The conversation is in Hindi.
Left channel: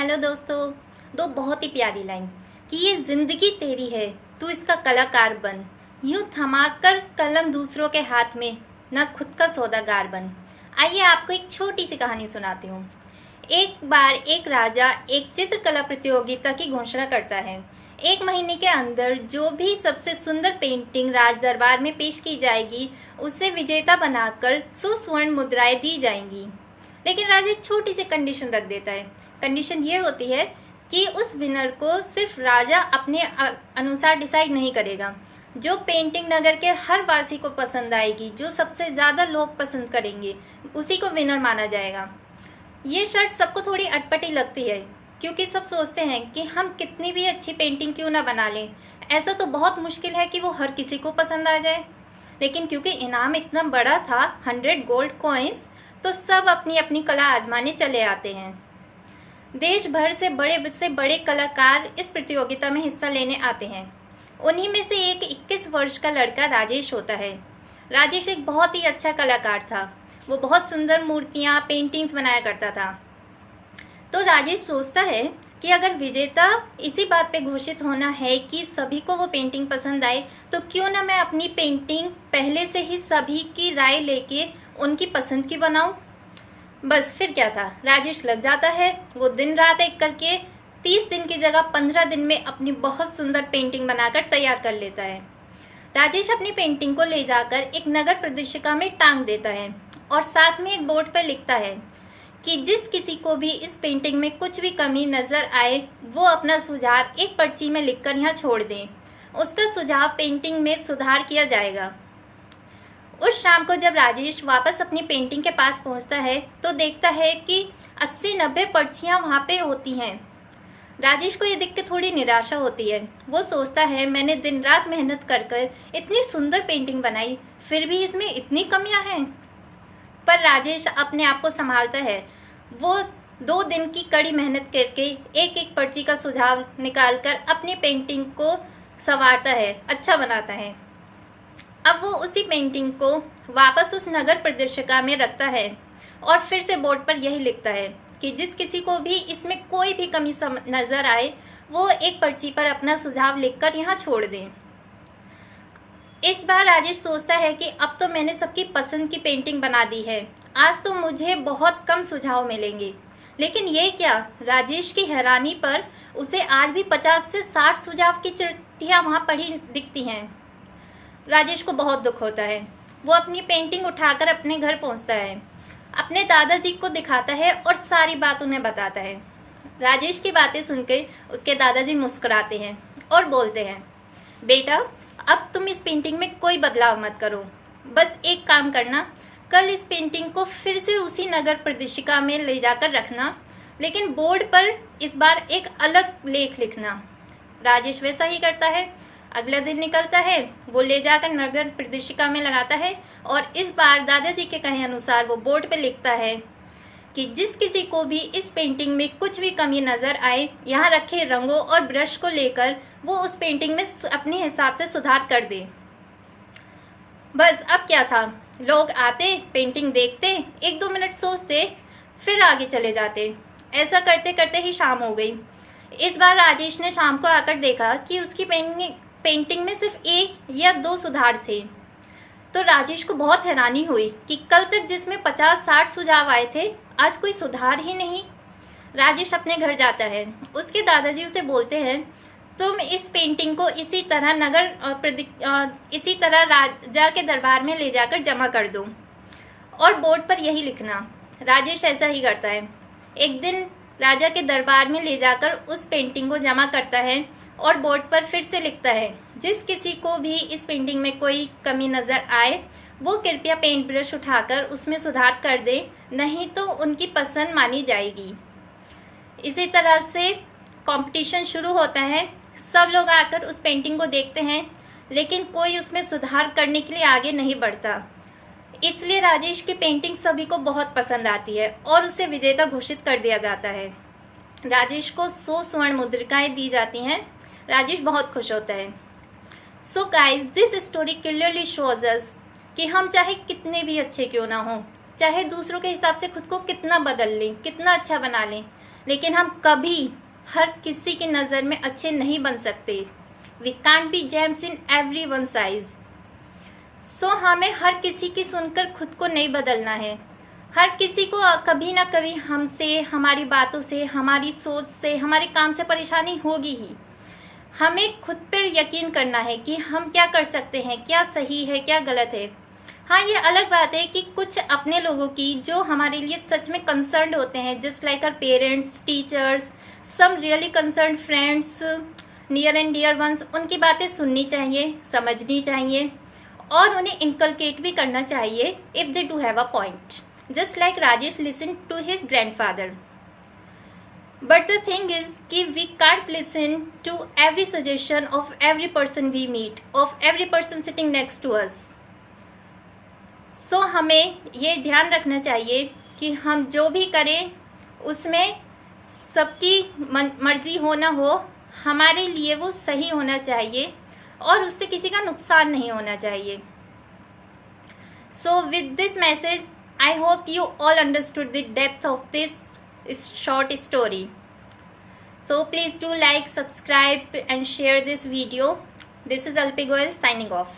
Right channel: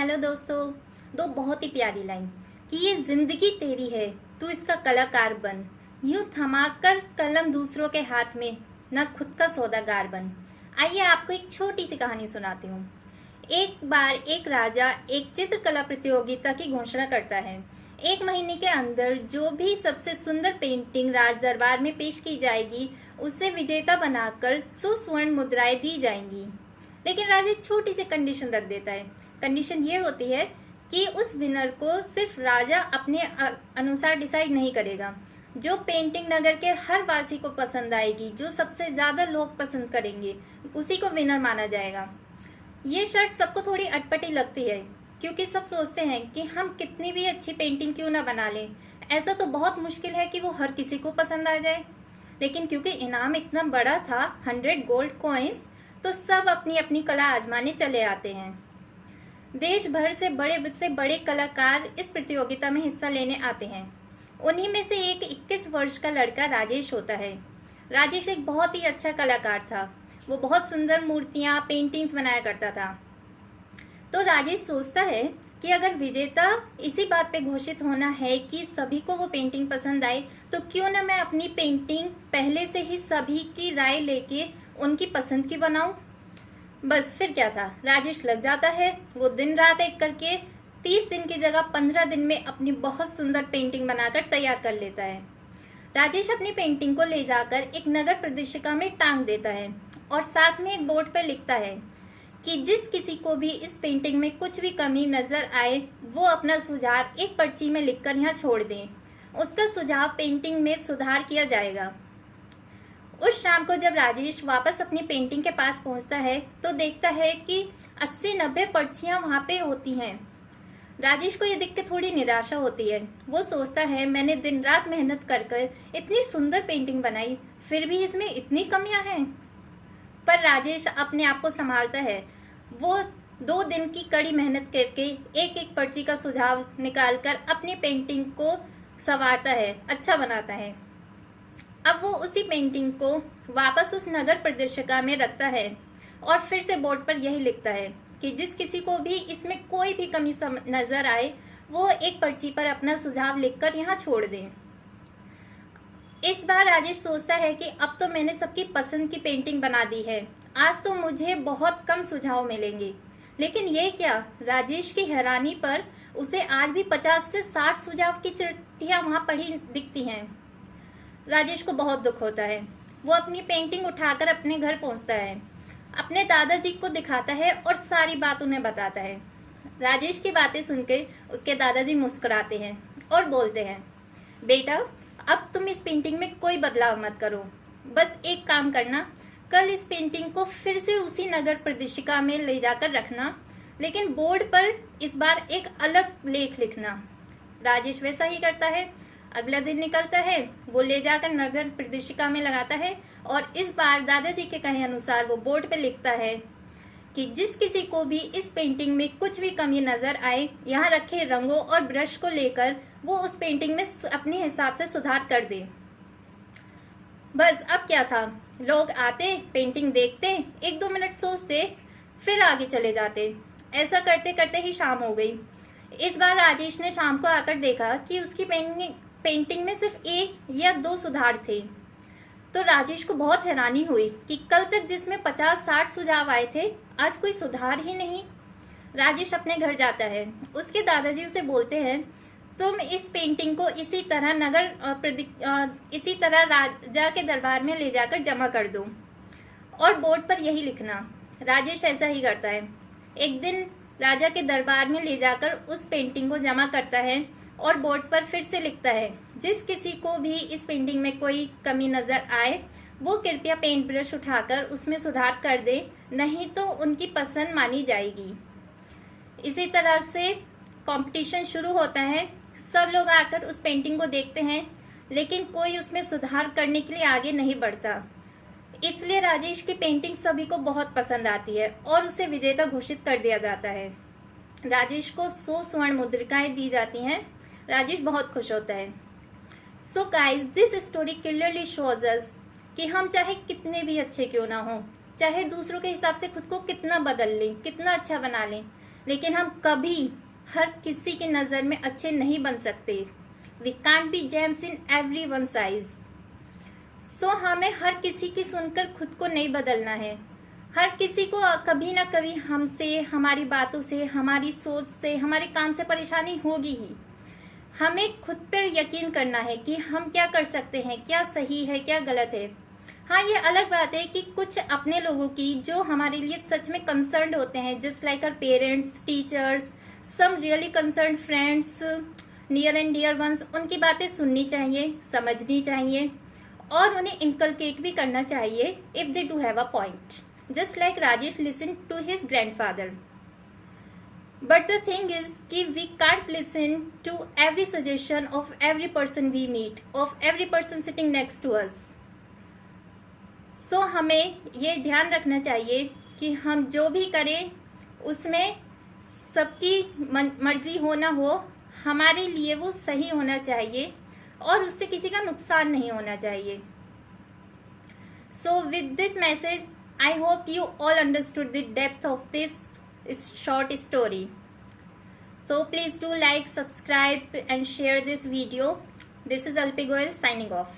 हेलो दोस्तों। दो बहुत ही प्यारी लाइन कि ये जिंदगी तेरी है, तू इसका कलाकार बन। यूं थमाकर कलम दूसरों के हाथ में, न खुद का सौदागर बन। आइए आपको एक छोटी सी कहानी सुनाती हूँ। एक बार एक राजा एक चित्रकला प्रतियोगिता की घोषणा करता है। 1 महीने के अंदर जो भी सबसे सुंदर पेंटिंग राज दरबार में पेश की जाएगी, उसे विजेता बनाकर 100 स्वर्ण मुद्राएं दी जाएंगी। लेकिन राजा एक छोटी सी कंडीशन रख देता है। कंडीशन ये होती है कि उस विनर को सिर्फ राजा अपने अनुसार डिसाइड नहीं करेगा। जो पेंटिंग नगर के हर वासी को पसंद आएगी, जो सबसे ज़्यादा लोग पसंद करेंगे, उसी को विनर माना जाएगा। ये शर्त सबको थोड़ी अटपटी लगती है, क्योंकि सब सोचते हैं कि हम कितनी भी अच्छी पेंटिंग क्यों ना बना लें, ऐसा तो बहुत मुश्किल है कि वो हर किसी को पसंद आ जाए। लेकिन क्योंकि इनाम इतना बड़ा था, 100 गोल्ड कॉइन्स, तो सब अपनी अपनी कला आजमाने चले आते हैं। देश भर से बड़े कलाकार इस प्रतियोगिता में हिस्सा लेने आते हैं। उन्हीं में से एक 21 वर्ष का लड़का राजेश होता है। राजेश एक बहुत ही अच्छा कलाकार था। वो बहुत सुंदर मूर्तियाँ, पेंटिंग्स बनाया करता था। तो राजेश सोचता है कि अगर विजेता इसी बात पे घोषित होना है कि सभी को वो पेंटिंग पसंद आए, तो क्यों ना मैं अपनी पेंटिंग पहले से ही सभी की राय लेके उनकी पसंद की बनाऊं। बस फिर क्या था, राजेश लग जाता है। वो दिन रात एक करके 30 दिन की जगह 15 दिन में अपनी बहुत सुंदर पेंटिंग बनाकर तैयार कर लेता है। राजेश अपनी पेंटिंग को ले जाकर एक नगर प्रदर्शिका में टांग देता है और साथ में एक बोर्ड पर लिखता है कि जिस किसी को भी इस पेंटिंग में कुछ भी कमी नजर आए, वो अपना सुझाव एक पर्ची में लिखकर यहाँ छोड़ दें। उसका सुझाव पेंटिंग में सुधार किया जाएगा। उस शाम को जब राजेश वापस अपनी पेंटिंग के पास पहुंचता है, तो देखता है कि 80-90 पर्चियां वहां पे होती हैं। राजेश को ये देख के थोड़ी निराशा होती है। वो सोचता है, मैंने दिन रात मेहनत कर कर इतनी सुंदर पेंटिंग बनाई, फिर भी इसमें इतनी कमियां हैं। पर राजेश अपने आप को संभालता है। वो 2 दिन की कड़ी मेहनत करके एक एक पर्ची का सुझाव निकालकर अपनी पेंटिंग को संवारता है, अच्छा बनाता है। अब वो उसी पेंटिंग को वापस उस नगर प्रदर्शिका में रखता है और फिर से बोर्ड पर यही लिखता है कि जिस किसी को भी इसमें कोई भी कमी नज़र आए, वो एक पर्ची पर अपना सुझाव लिखकर यहाँ छोड़ दें। इस बार राजेश सोचता है कि अब तो मैंने सबकी पसंद की पेंटिंग बना दी है, आज तो मुझे बहुत कम सुझाव मिलेंगे। लेकिन ये क्या, राजेश की हैरानी पर उसे आज भी 50 से 60 सुझाव की चिट्ठियाँ वहाँ पड़ी दिखती हैं। राजेश को बहुत दुख होता है। वो अपनी पेंटिंग उठाकर अपने घर पहुंचता है, अपने दादाजी को दिखाता है और सारी बात उन्हें बताता है। राजेश की बातें सुनकर उसके दादाजी मुस्कुराते हैं और बोलते हैं, बेटा, अब तुम इस पेंटिंग में कोई बदलाव मत करो। बस एक काम करना, कल इस पेंटिंग को फिर से उसी नगर प्रदर्शिका में ले जाकर रखना, लेकिन बोर्ड पर इस बार एक अलग लेख लिखना। राजेश वैसा ही करता है। अगला दिन निकलता है, वो ले जाकर नगर प्रदर्शिका में लगाता है और इस बार दादाजी के कहे अनुसार वो बोर्ड पे लिखता है कि जिस किसी को भी इस पेंटिंग में कुछ भी कमी नज़र आए, यहाँ रखे रंगों और ब्रश को लेकर वो उस पेंटिंग में अपने हिसाब से सुधार कर दे। बस अब क्या था, लोग आते, पेंटिंग देखते, 1-2 मिनट सोचते, फिर आगे चले जाते। ऐसा करते करते ही शाम हो गई। इस बार राजेश ने शाम को आकर देखा कि उसकी पेंटिंग में सिर्फ 1 या 2 सुधार थे। तो राजेश को बहुत हैरानी हुई कि कल तक जिसमें 50-60 सुझाव आए थे, आज कोई सुधार ही नहीं। राजेश अपने घर जाता है। उसके दादाजी उसे बोलते हैं, तुम इस पेंटिंग को इसी तरह राजा के दरबार में ले जाकर जमा कर दो और बोर्ड पर यही लिखना। राजेश ऐसा ही करता है। एक दिन राजा के दरबार में ले जाकर उस पेंटिंग को जमा करता है और बोर्ड पर फिर से लिखता है, जिस किसी को भी इस पेंटिंग में कोई कमी नज़र आए, वो कृपया पेंट ब्रश उठाकर उसमें सुधार कर दे, नहीं तो उनकी पसंद मानी जाएगी। इसी तरह से कंपटीशन शुरू होता है। सब लोग आकर उस पेंटिंग को देखते हैं, लेकिन कोई उसमें सुधार करने के लिए आगे नहीं बढ़ता। इसलिए राजेश की पेंटिंग सभी को बहुत पसंद आती है और उसे विजेता घोषित कर दिया जाता है। राजेश को 100 स्वर्ण मुद्रिकाएं दी जाती हैं। राजेश बहुत खुश होता है। So guys, this story clearly shows us कि हम चाहे कितने भी अच्छे क्यों ना हो, चाहे दूसरों के हिसाब से खुद को कितना बदल लें, कितना अच्छा बना लें, लेकिन हम कभी हर किसी की नज़र में अच्छे नहीं बन सकते। We can't be gems in every one size. So हमें हर किसी की सुनकर खुद को नहीं बदलना है। हर किसी को कभी ना कभी हमसे, हमारी बातों से, हमारी सोच से, हमारे काम से परेशानी होगी ही। हमें खुद पर यकीन करना है कि हम क्या कर सकते हैं, क्या सही है, क्या गलत है। हाँ, ये अलग बात है कि कुछ अपने लोगों की जो हमारे लिए सच में कंसर्न्ड होते हैं, just like our parents, teachers, some really concerned friends, near and dear ones, उनकी बातें सुननी चाहिए, समझनी चाहिए और उन्हें इनकलकेट भी करना चाहिए if they do have a point, just like Rajesh listen to his grandfather. But the thing is कि we can't listen to every suggestion of every person we meet, of every person sitting next to us. So हमें ये ध्यान रखना चाहिए कि हम जो भी करें उसमें सबकी मर्जी हो ना हो, हमारे लिए वो सही होना चाहिए और उससे किसी का नुकसान नहीं होना चाहिए। So with this message, I hope you all understood the depth of this short story. So please do like, subscribe and share this video. This is Alpi Goel signing off.